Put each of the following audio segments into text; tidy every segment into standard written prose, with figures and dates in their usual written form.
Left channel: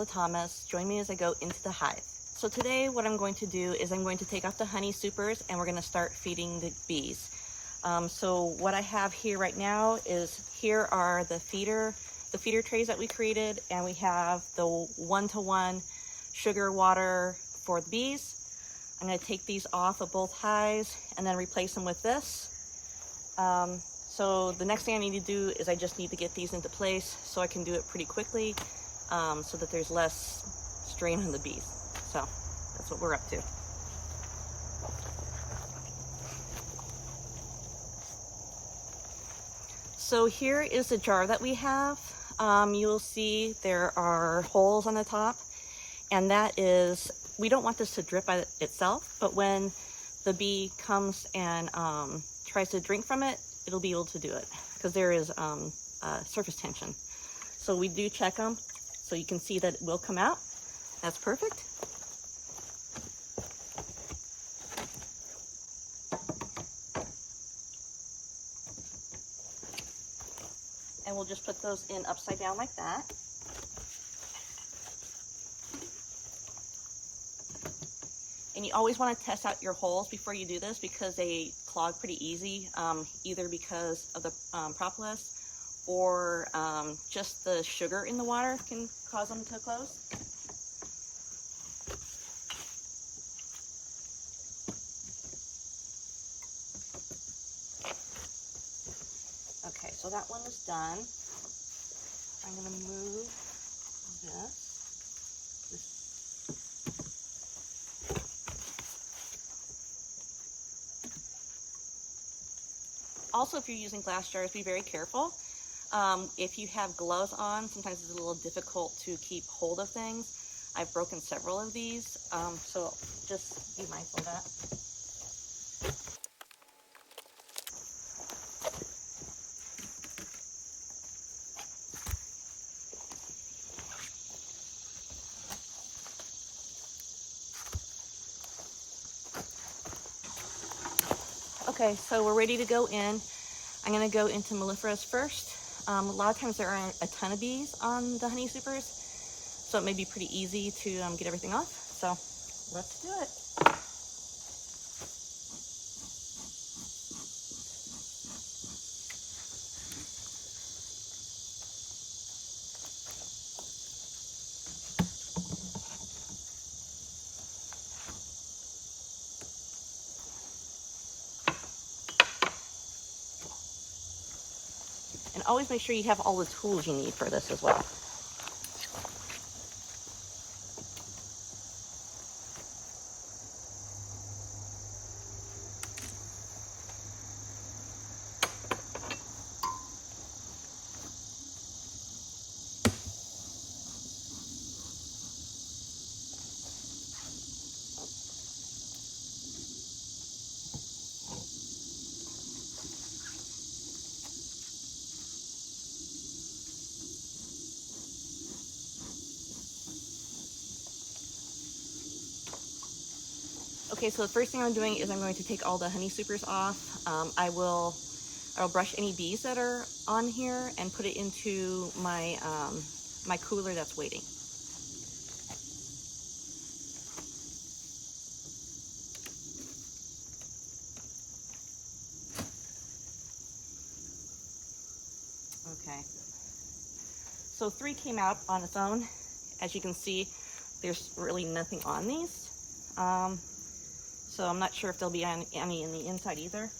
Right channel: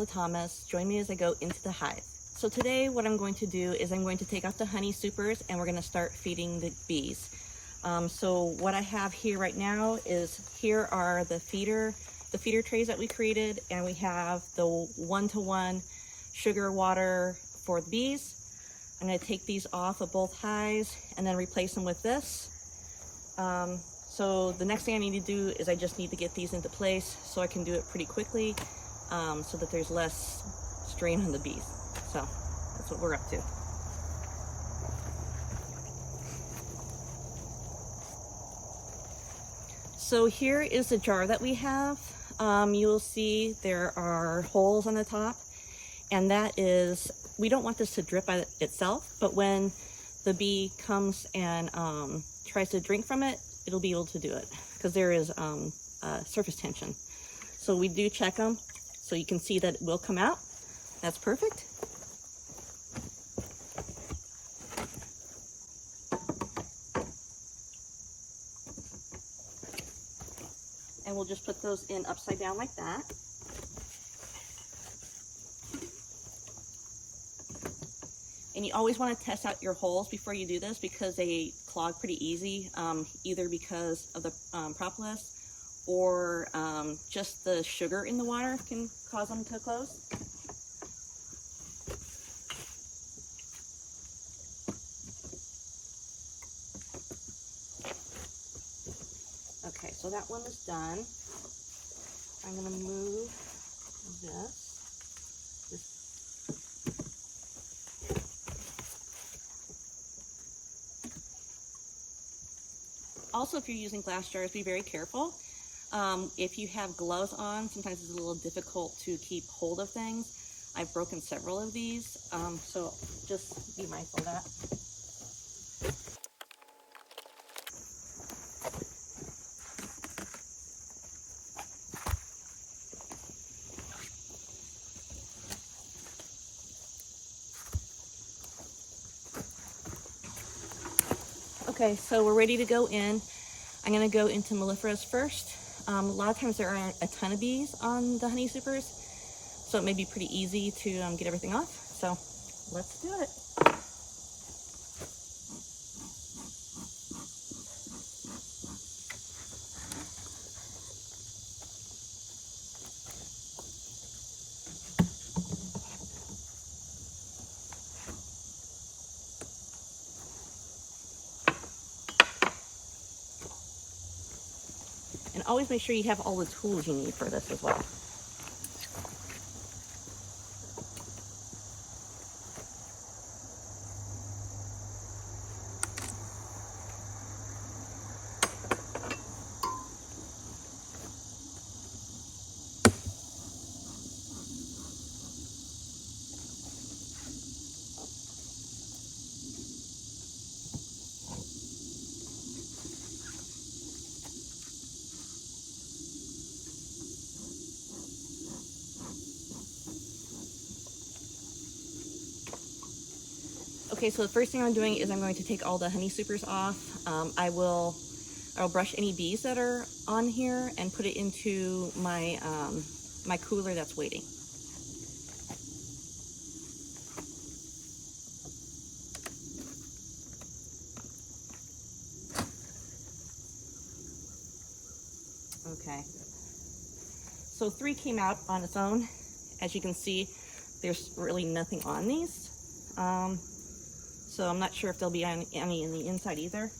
Angela Thomas. Join me as I go into the hive. So today what I'm going to do is I'm going to take out the honey supers and we're going to start feeding the bees. So what I have here right now is here are the feeder trays that we created, and we have the 1-to-1 sugar water for the bees. I'm going to take these off of both hives and then replace them with this. So the next thing I need to do is I just need to get these into place so I can do it pretty quickly, so that there's less strain on the bees. So that's what we're up to. So here is the jar that we have. You'll see there are holes on the top, and that is, we don't want this to drip by itself, but when the bee comes and tries to drink from it, it'll be able to do it because there is surface tension. So we do check them, so you can see that it will come out. That's perfect. And we'll just put those in upside down like that. And you always want to test out your holes before you do this because they clog pretty easy, either because of the propolis or just the sugar in the water can cause them to close. Okay, so that one is done. I'm going to move this. Also, if you're using glass jars, be very careful. If you have gloves on, sometimes it's a little difficult to keep hold of things. I've broken several of these, so just be mindful of that. Okay, so we're ready to go in. I'm going to go into melliferous first. A lot of times there aren't a ton of bees on the honey supers, so it may be pretty easy to get everything off. So let's do it. And always make sure you have all the tools you need for this as well. Okay, so the first thing I'm doing is I'm going to take all the honey supers off. I'll brush any bees that are on here and put it into my my cooler that's waiting. Okay, so 3 came out on its own. As you can see, there's really nothing on these. So I'm not sure if there'll be any in the inside either.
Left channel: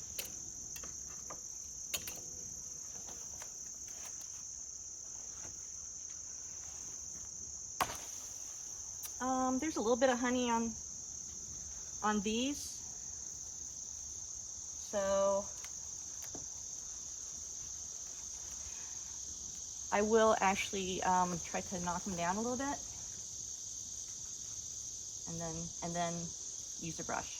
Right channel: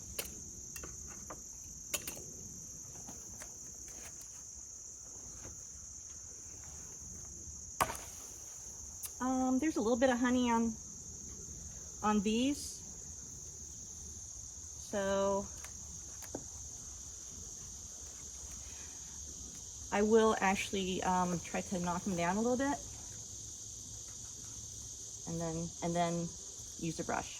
There's a little bit of honey on these. So I will actually try to knock them down a little bit, and then use a brush.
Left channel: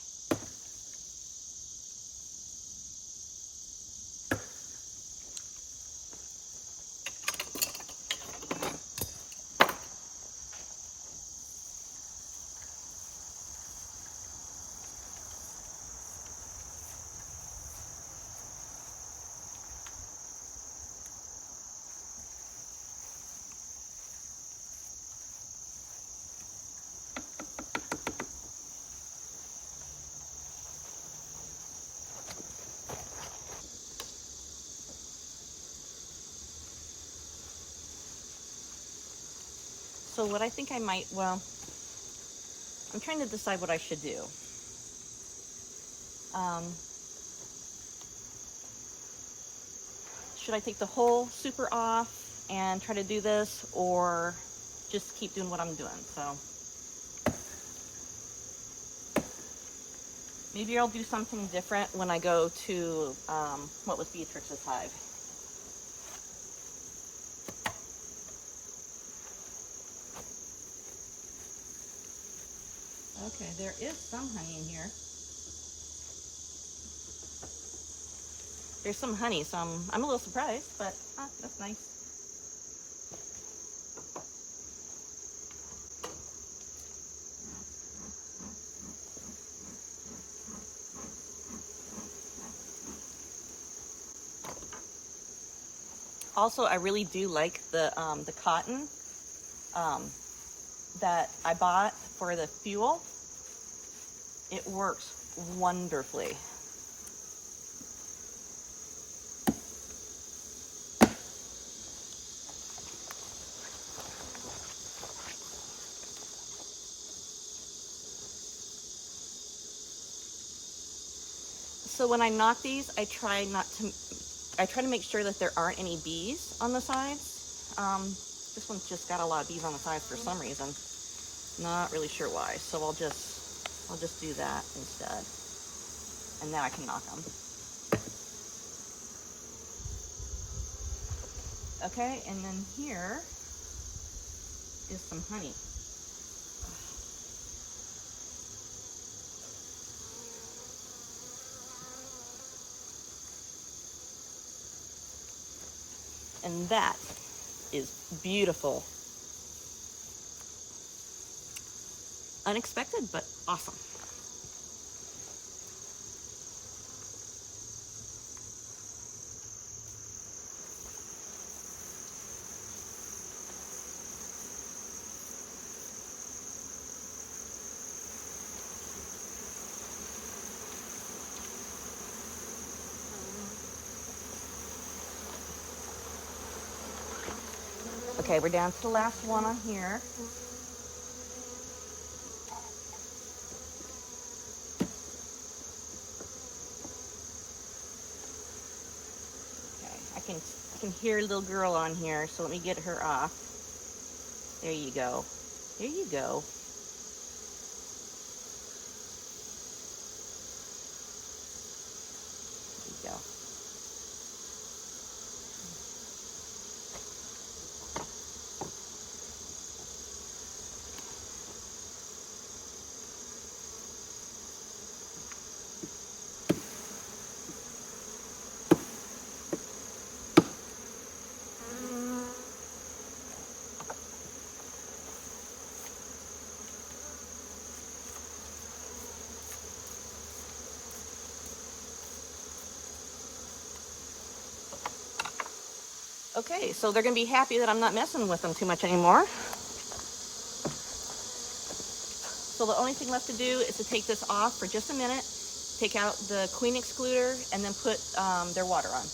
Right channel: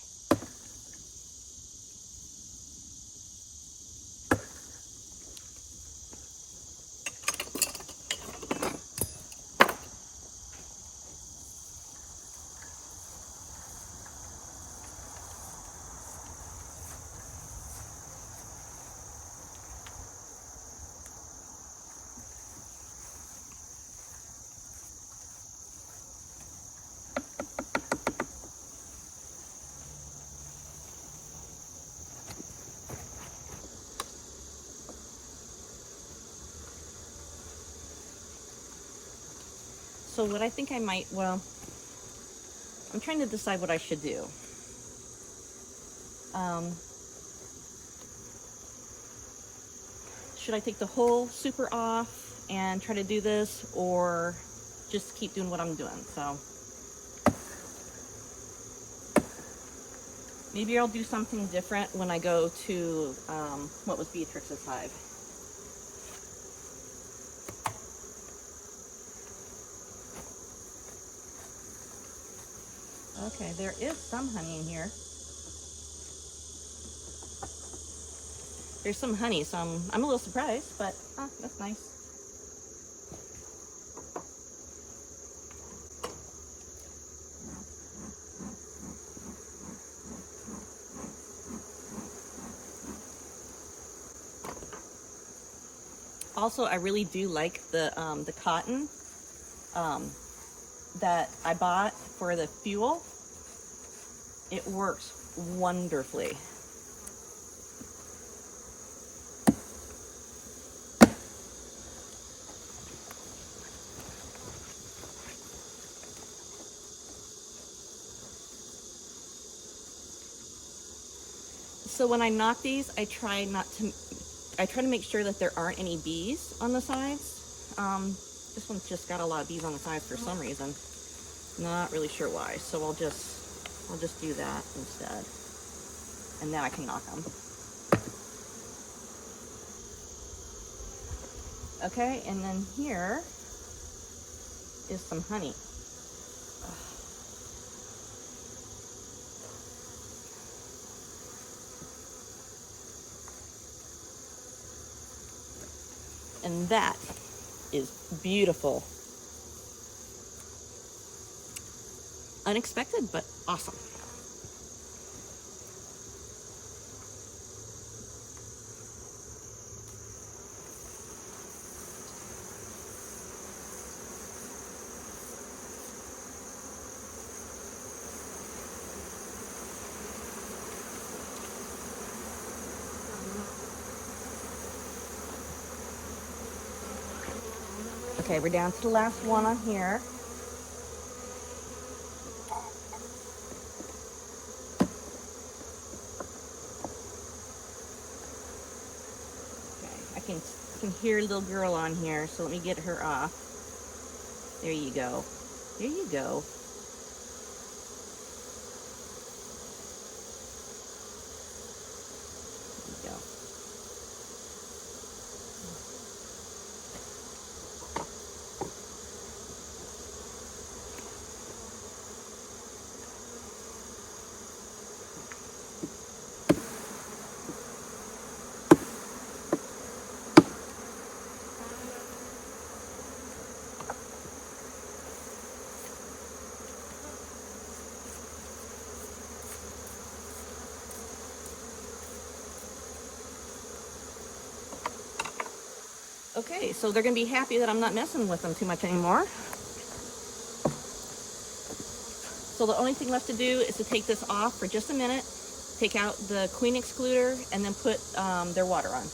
So what I think I might, well, I'm trying to decide what I should do. Should I take the whole super off and try to do this, or just keep doing what I'm doing? So maybe I'll do something different when I go to what was Beatrix's hive. Okay, there is some honey in here. There's some honey, so I'm a little surprised, but that's nice. Also, I really do like the cotton that I bought for the fuel. It works wonderfully. So when I knock these, I try to make sure that there aren't any bees on the sides. This one's just got a lot of bees on the sides for some reason. Not really sure why. So I'll just do that instead. And then I can knock them. Okay, and then here is some honey. And that is beautiful. Unexpected, but awesome. Okay, we're down to the last one on here. Okay, I can hear a little girl on here, so let me get her off. There you go. There you go. There you go. Okay, so they're going to be happy that I'm not messing with them too much anymore. So the only thing left to do is to take this off for just a minute, take out the queen excluder, and then put their water on.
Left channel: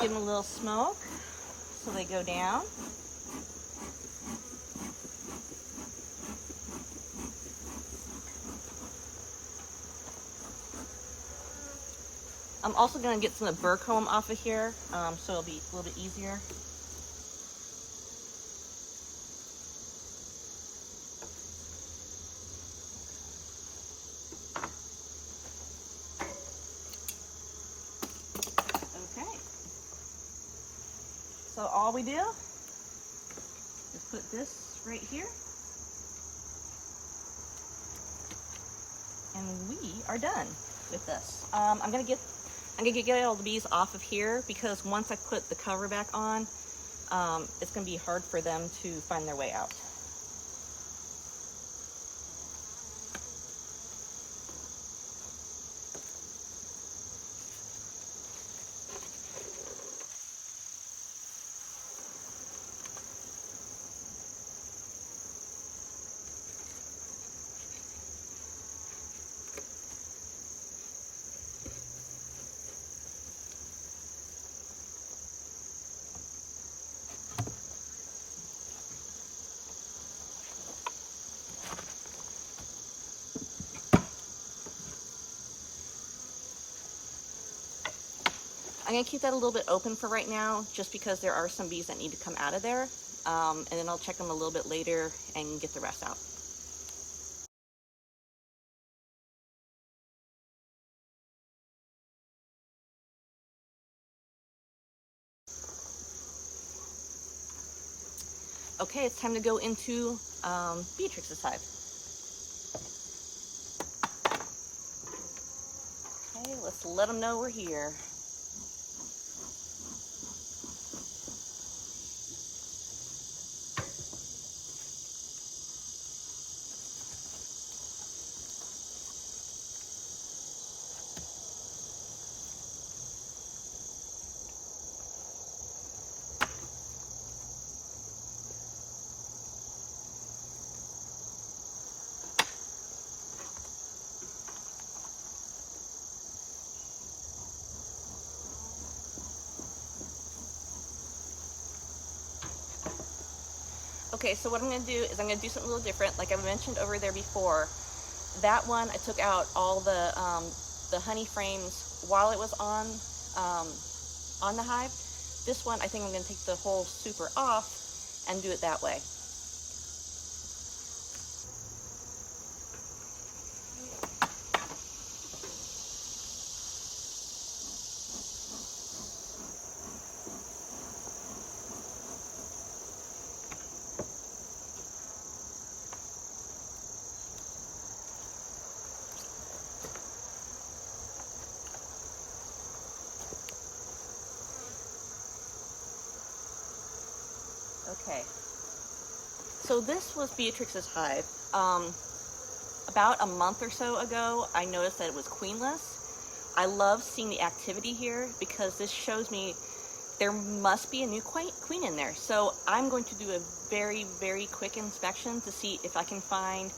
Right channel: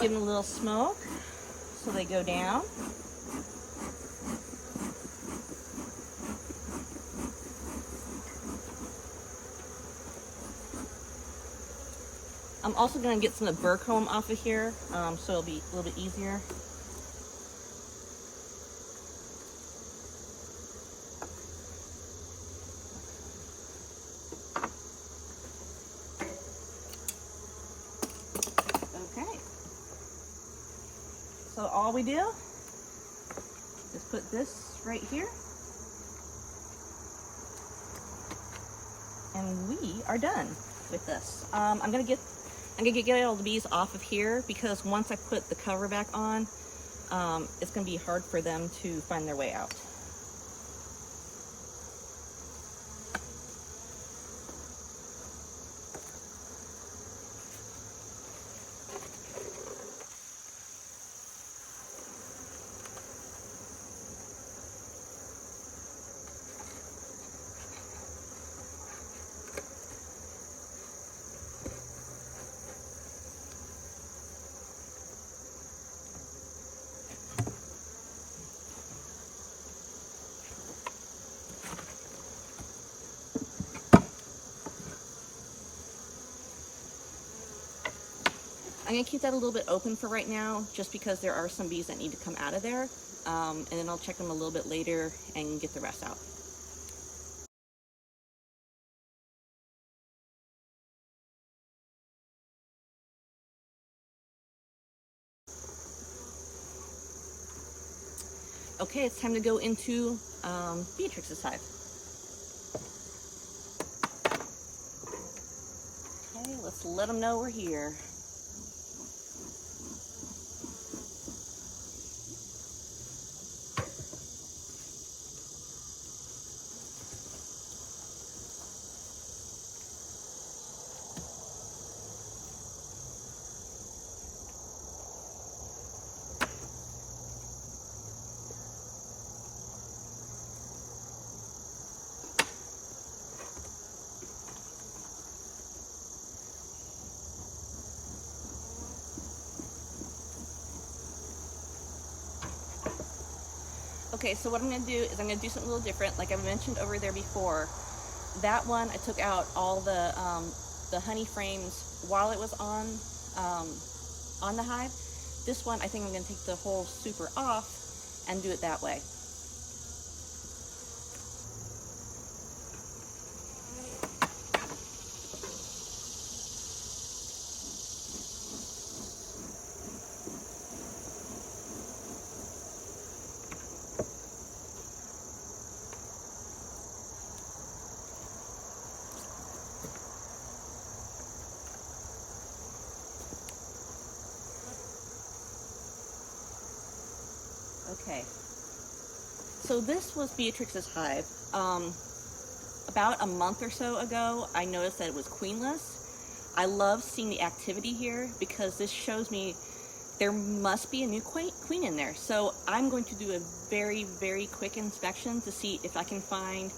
Give them a little smoke so they go down. I'm also going to get some of the burr comb off of here, so it'll be a little bit easier. So all we do is put this right here, and we are done with this. I'm gonna get all the bees off of here, because once I put the cover back on, it's going to be hard for them to find their way out. I'm going to keep that a little bit open for right now, just because there are some bees that need to come out of there, and then I'll check them a little bit later and get the rest out. Okay, it's time to go into Beatrix's hive. Okay, let's let them know we're here. Okay, so what I'm going to do is I'm going to do something a little different. Like I mentioned over there before, that one I took out all the honey frames while it was on the hive. This one I think I'm going to take the whole super off and do it that way. Okay, so this was Beatrix's hive. About a month or so ago, I noticed that it was queenless. I love seeing the activity here because this shows me there must be a new queen in there. So I'm going to do a very, very quick inspection to see if I can find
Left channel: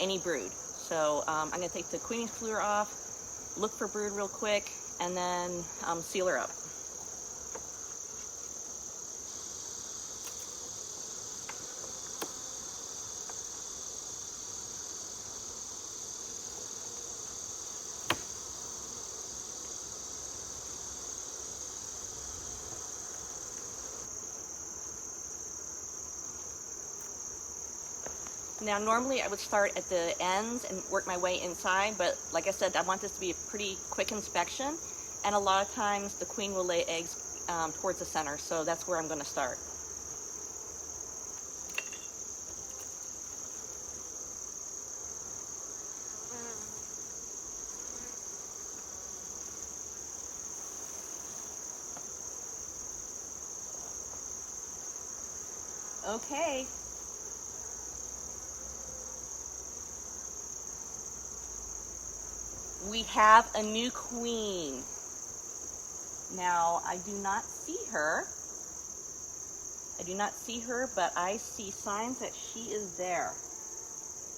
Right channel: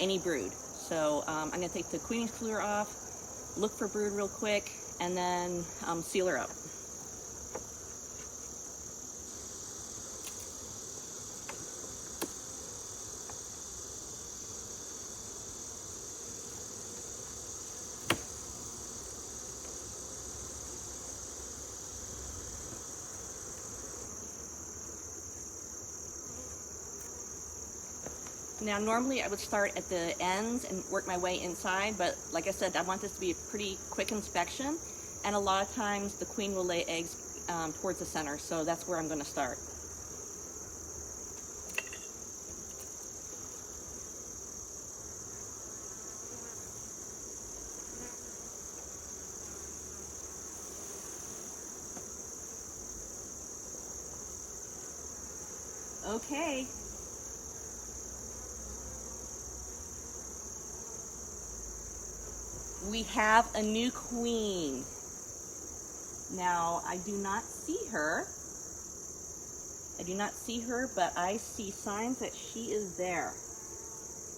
any brood. So I'm going to take the queen excluder off, look for brood real quick, and then seal her up. Now, normally I would start at the ends and work my way inside, but like I said, I want this to be a pretty quick inspection, and a lot of times the queen will lay eggs towards the center, so that's where I'm going to start. Okay. We have a new queen. Now, I do not see her. But I see signs that she is there.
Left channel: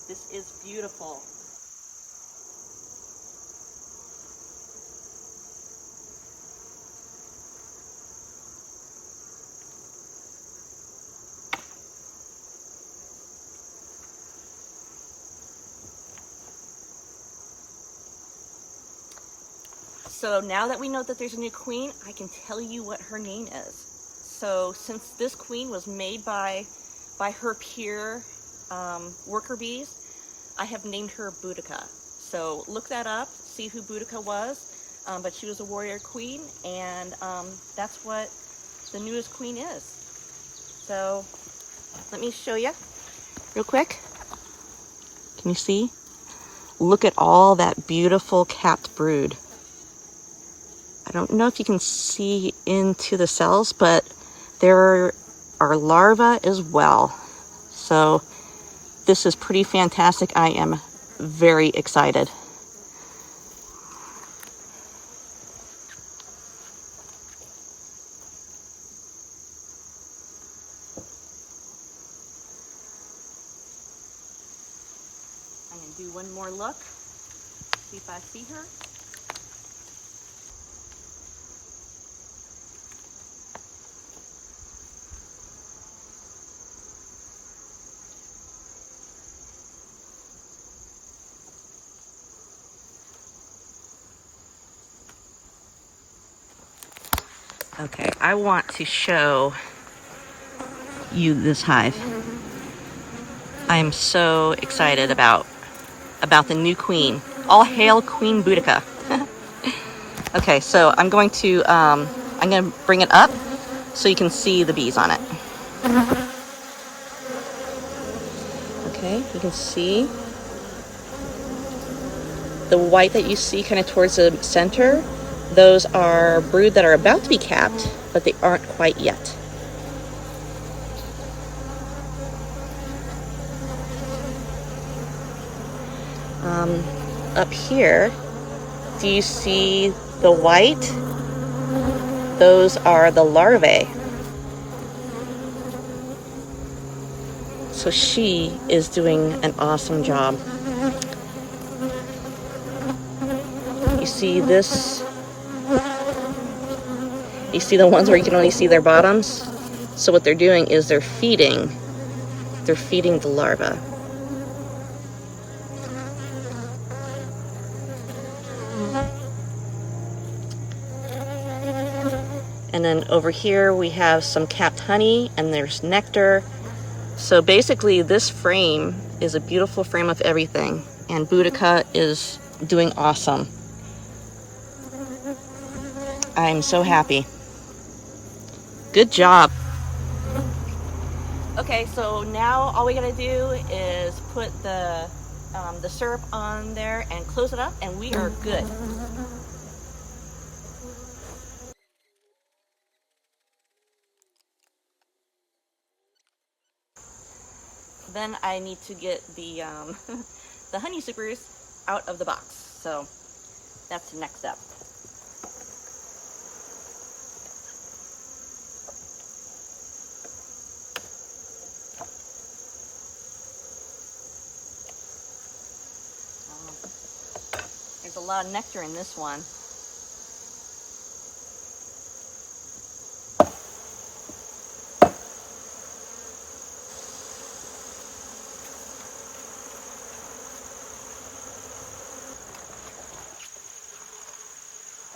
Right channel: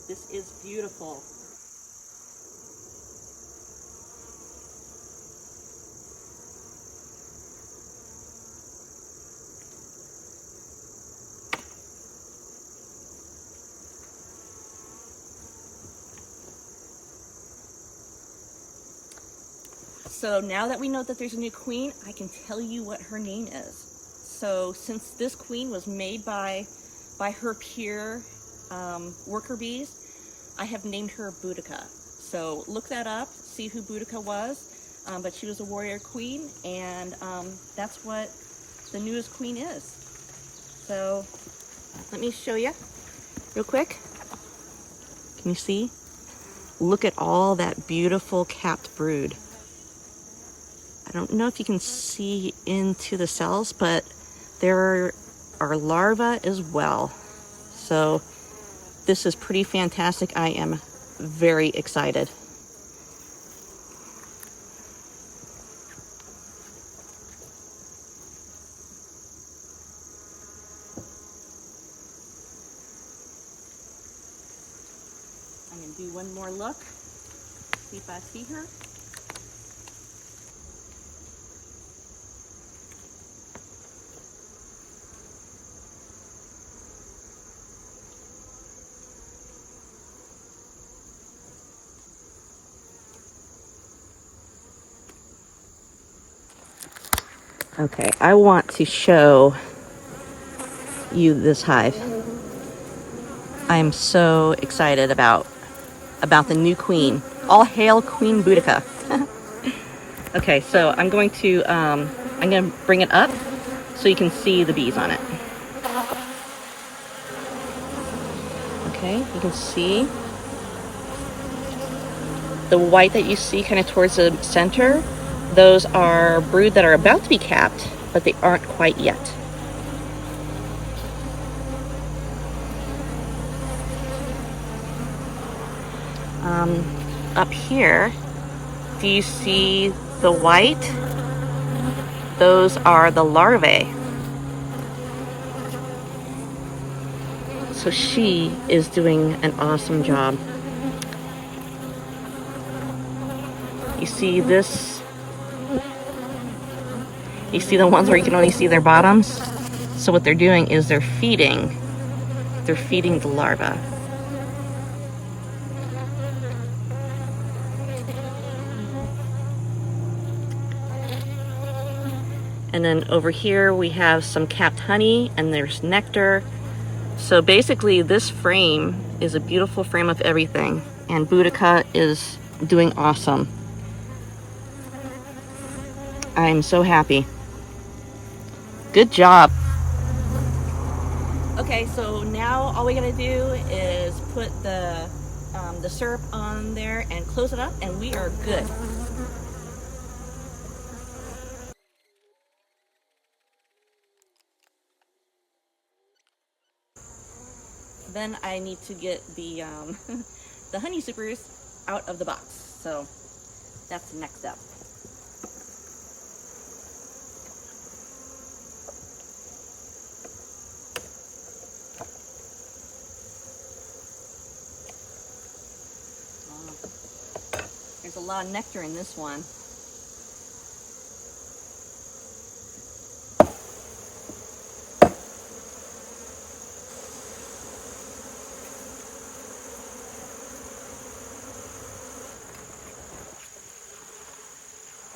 This is beautiful. So now that we know that there's a new queen, I can tell you what her name is. So since this queen was made by her peer worker bees, I have named her Boudica. So look that up, see who Boudica was. But she was a warrior queen, and that's what the newest queen is. So let me show you real quick. Can you see? Look at all that beautiful capped brood. I don't know if you can see into the cells, but there are larvae as well. So this is pretty fantastic. I am very excited. I'm going to do one more look, see if I see her. Okay, I want to show you this hive. I am so excited about the new queen. All hail Queen Boudica. Okay, so I'm going to bring it up so you can see the bees on it. Okay, you can see the white that you see kind of towards the center. Those are brood that are about to be capped, but they aren't quite yet. Up here, do you see the white? Those are the larvae. So she is doing an awesome job. You see this? You see the ones where you can only see their bottoms? So what they're doing is they're feeding the larvae. And then over here we have some capped honey and there's nectar. So basically this frame is a beautiful frame of everything, and Boudica is doing awesome. I'm so happy. Good job. Okay, so now all we gotta do is put the syrup on there and close it up, and we are good. Then I need to get the the honey supers out of the box. So that's the next step. There's a lot of nectar in this one.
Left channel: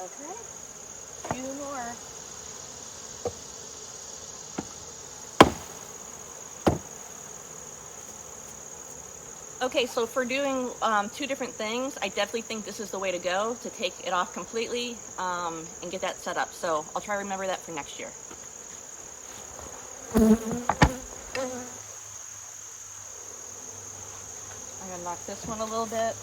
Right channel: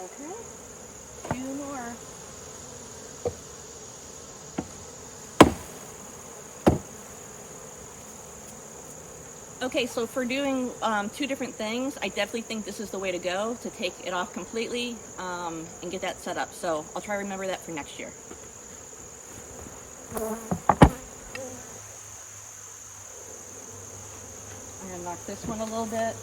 Okay, 2 more. Okay, so for doing 2 different things, I definitely think this is the way to go, to take it off completely and get that set up. So I'll try to remember that for next year. I'm going to knock this one a little bit.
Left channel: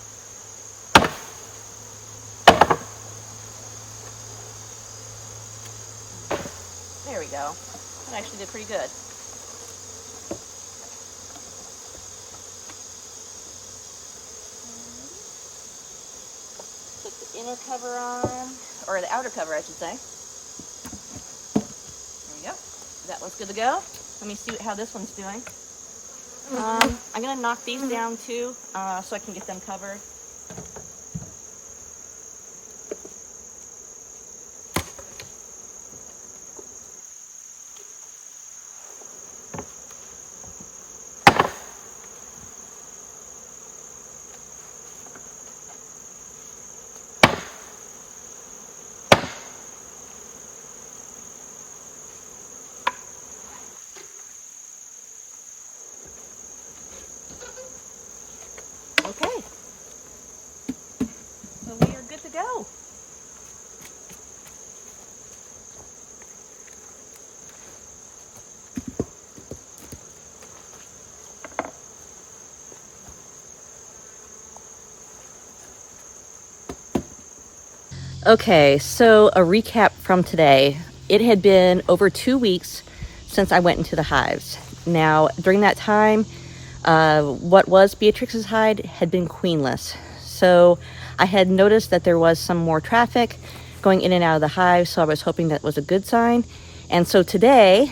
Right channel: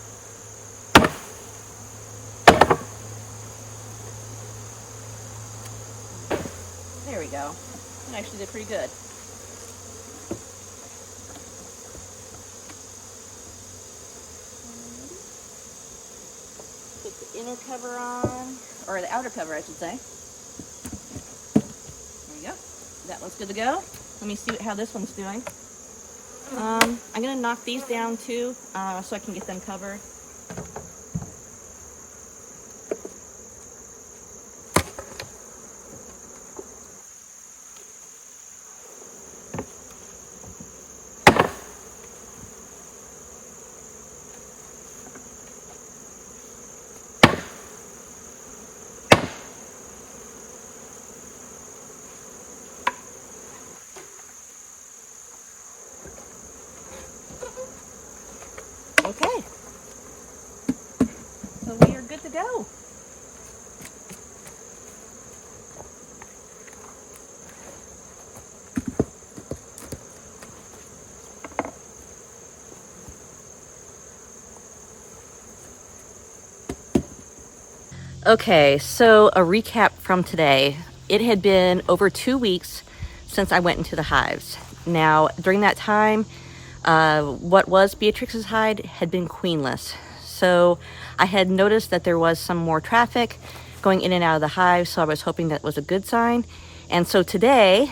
There we go. That actually did pretty good. Put the inner cover on, or the outer cover, I should say. There we go. That one's good to go. Let me see how this one's doing. I'm going to knock these down too, so I can get them covered. Okay, so we are good to go. Okay, so a recap from today. It had been over 2 weeks since I went into the hives. Now, during that time, what was Beatrix's hide had been queenless. So I had noticed that there was some more traffic going in and out of the hive, so I was hoping that was a good sign. And so today,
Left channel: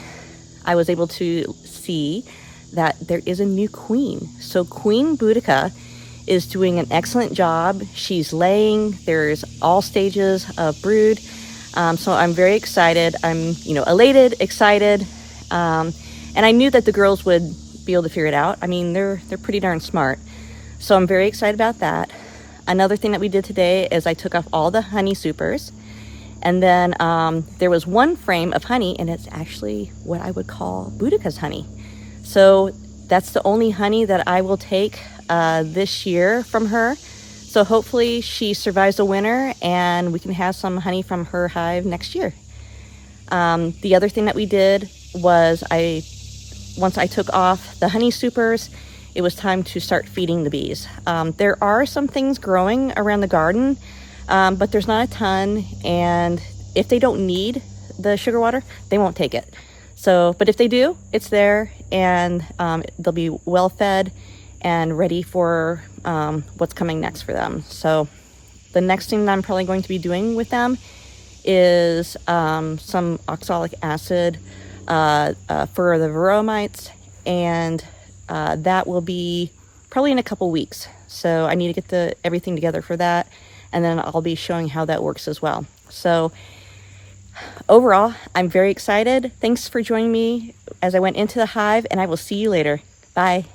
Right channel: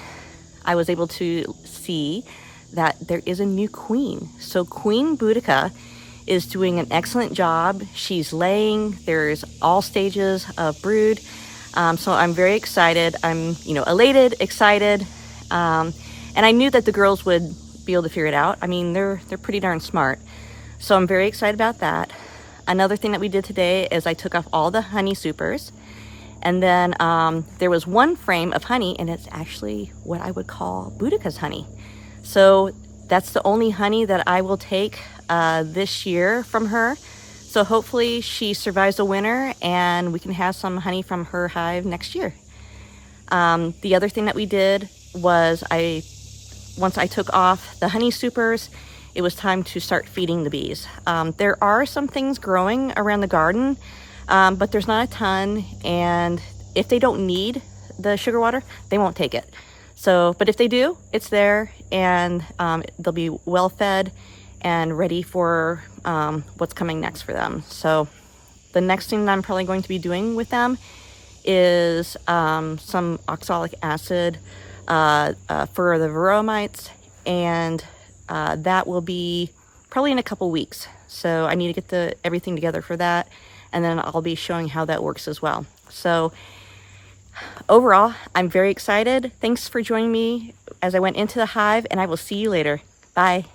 I was able to see that there is a new queen. So Queen Boudica is doing an excellent job. She's laying. There's all stages of brood. So I'm very excited. I'm, elated, excited. And I knew that the girls would be able to figure it out. I mean, they're pretty darn smart. So I'm very excited about that. Another thing that we did today is I took off all the honey supers. And then there was one frame of honey, and it's actually what I would call Boudica's honey. So that's the only honey that I will take this year from her. So hopefully she survives the winter and we can have some honey from her hive next year. The other thing that we did was once I took off the honey supers, it was time to start feeding the bees. There are some things growing around the garden, but there's not a ton, and if they don't need the sugar water, they won't take it. So, but if they do, it's there, and they'll be well fed and ready for what's coming next for them. So the next thing that I'm probably going to be doing with them is some oxalic acid for the varroa mites, and that will be probably in a couple weeks. So I need to get everything together for that, and then I'll be showing how that works as well. So overall, I'm very excited. Thanks for joining me as I went into the hive, and I will see you later. Bye.